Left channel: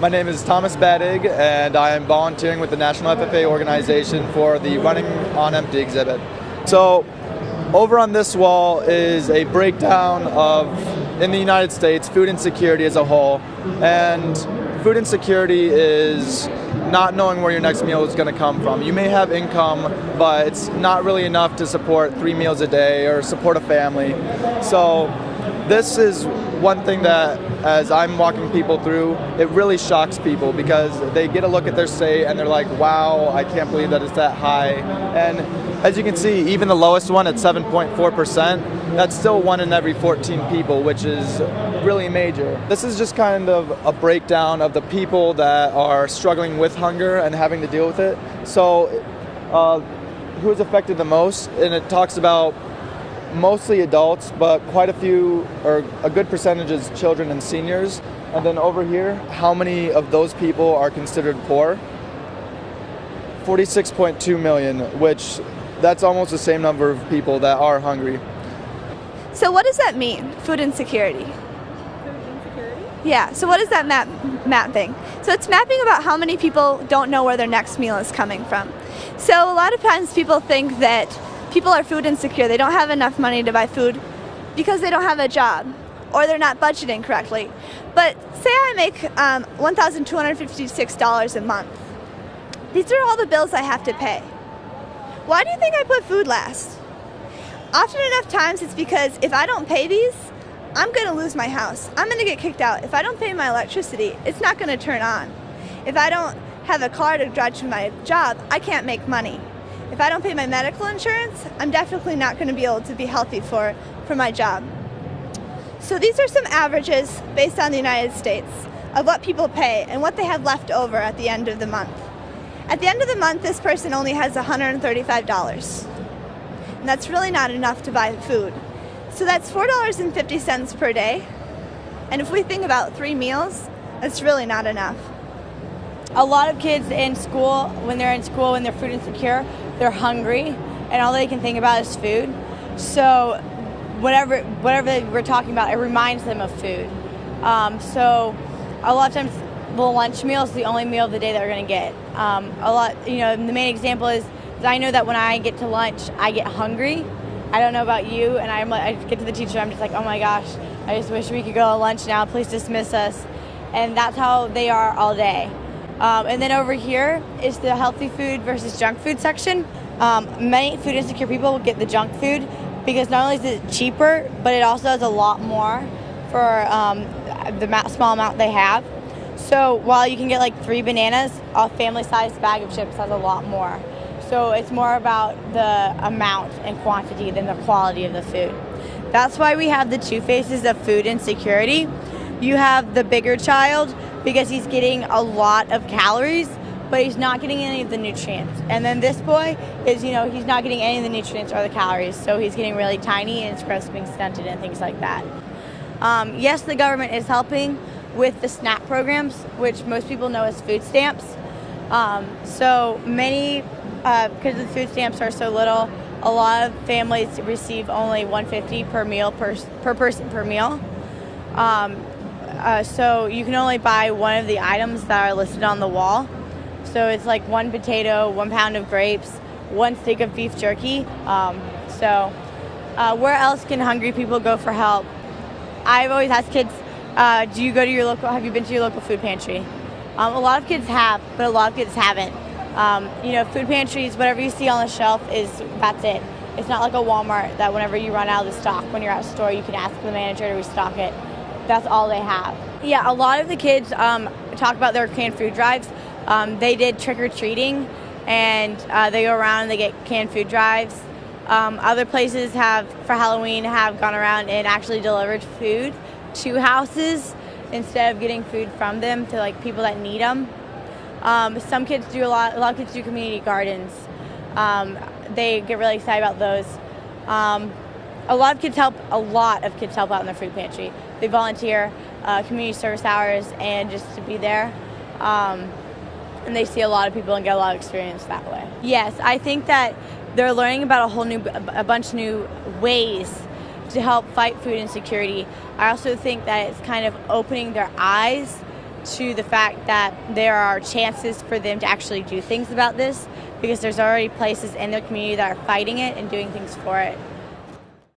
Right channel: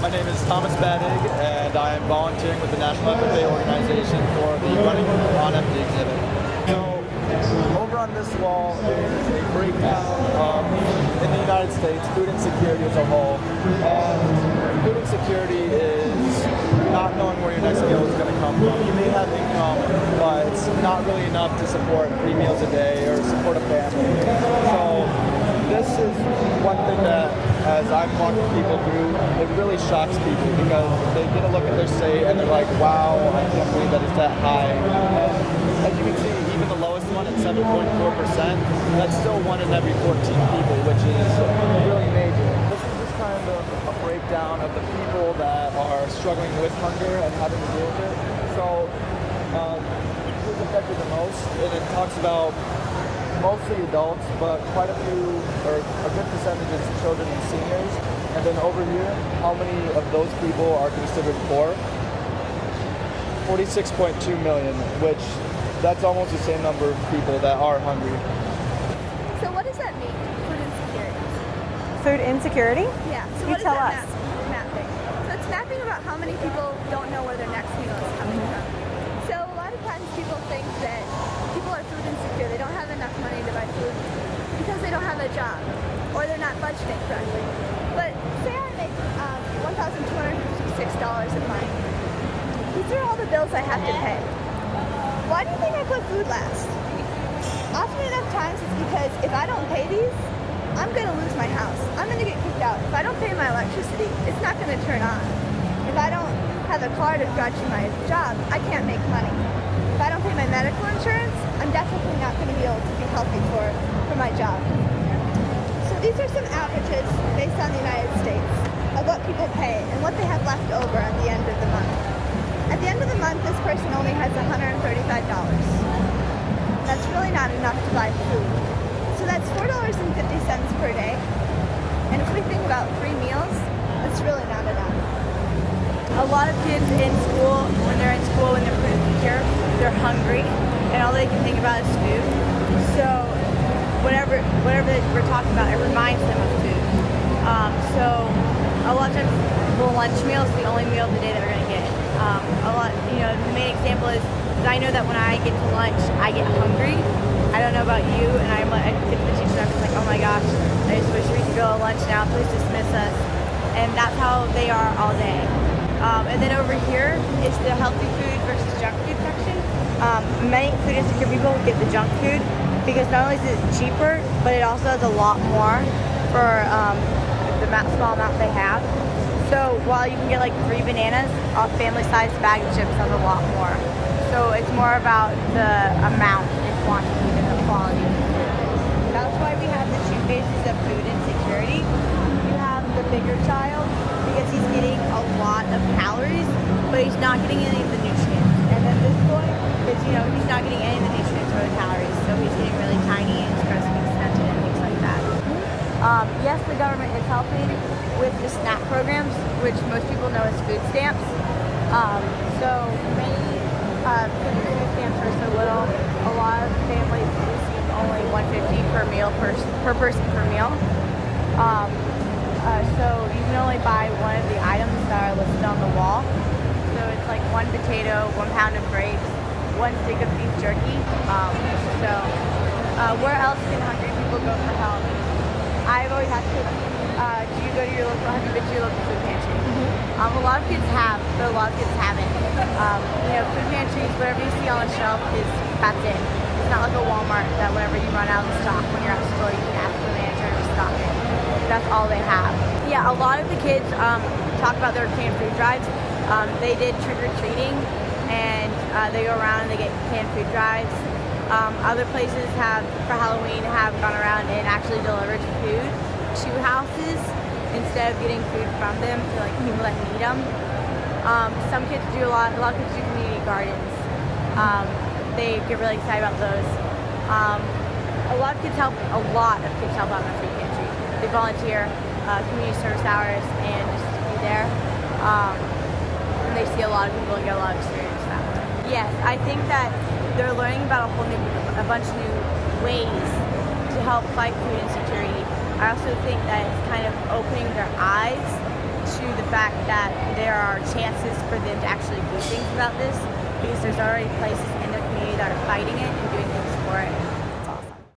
My name is Thomas Badig, and I am volunteering with the National FFA organization for the Running on Empty exhibit. So, over on this wall is a breakdown of, in the United States, food insecurity as a whole. And food insecurity is not knowing where your next meal is going to come from. You may have income, but it's not really enough to support 3 meals a day or support a family. So this is one thing that, as I'm walking people through, it really shocks people because they get a look at their state and they're like, wow, I can't believe that it's that high. And as you can see, even the lowest one at 7.4%, that's still 1 in every 14 people, which is really major. This is just kind of a breakdown of the people that are struggling with hunger and having to deal with it. So who's affected the most? And it talks about mostly adults, but quite a few, or a good percentage, is children and seniors. And then over here, how many of those people are considered poor? 46.2 million, which that's almost the same number of people that are hungry. So what does that mean, food insecurity? Food insecurity? Yeah, so what is that mapping? So it's mapping about how many people don't know where their next meal is coming from. So a lot of times people think that people are food insecure. They don't have enough money to buy food because they don't have a job or they're not budgeting correctly. But say I make $1,256 a month. These are all the bills I have to pay. Why do you think I put food last? Often enough times it's because if I don't pay these, I'm going to lose my house. I'm going to get kicked out. If I don't pay my electricity, it's not going to turn on. If I don't have a car to drive to my job, I can't make money. If I don't pay my medical insurance, I'm definitely not going to be able to be healthy for my job. So these are some averages based on the United States of what people pay and what they have left over at the end of the month. At the end of the month, this person only has $135. That's really not enough to buy food. So that's $4.50 per day. And if we think about 3 meals, that's really not enough. A lot of kids in school, when they're food insecure, they're hungry, and all they can think about is food. So whatever we're talking about, it reminds them of food. So a lot of times the lunch meal is the only meal of the day that we're going to get. The main example is that I know that when I get to lunch, I get hungry. I don't know about you, and I get to the teacher, I'm just like, oh my gosh, I just wish we could go to lunch now, please dismiss us. And that's how they are all day. And then over here is the healthy food versus junk food section. Many food insecure people will get the junk food because not only is it cheaper, but it also has a lot more for the small amount they have. So while you can get like 3 bananas, a family-sized bag of chips has a lot more. So it's more about the amount and quantity than the quality of the food. That's why we have the 2 phases of food insecurity. You have the bigger child because he's getting a lot of calories, but he's not getting any of the nutrients. And then this boy is, he's not getting any of the nutrients or the calories, so he's getting really tiny and his breast being stunted and things like that. Yes, the government is helping with the SNAP programs, which most people know as food stamps. So many, because the food stamps are so little, a lot of families receive only $150 per meal per person per meal. So you can only buy one of the items that are listed on the wall. So it's like 1 potato, 1 pound of grapes, 1 stick of beef jerky. Where else can hungry people go for help? I've always asked kids, have you been to your local food pantry? Mm-hmm. A lot of kids have, but a lot of kids haven't. Food pantries, whatever you see on the shelf that's it. It's not like a Walmart that whenever you run out of the stock, when you're at the store, you can ask the manager to restock it. That's all they have. Yeah, a lot of the kids talk about their canned food drives. They did trick-or-treating, and they go around and they get canned food drives. Other places for Halloween, have gone around and actually delivered food to houses instead of getting food from them to like people that need them. Some kids do a lot of kids do community gardens. They get really excited about those. A lot of kids help out in the food pantry. They volunteer, community service hours, and just to be there. And they see a lot of people and get a lot of experience that way. Yes, I think that they're learning about a bunch of new ways to help fight food insecurity. I also think that it's kind of opening their eyes to the fact that there are chances for them to actually do things about this, because there's already places in the community that are fighting it and doing things for it.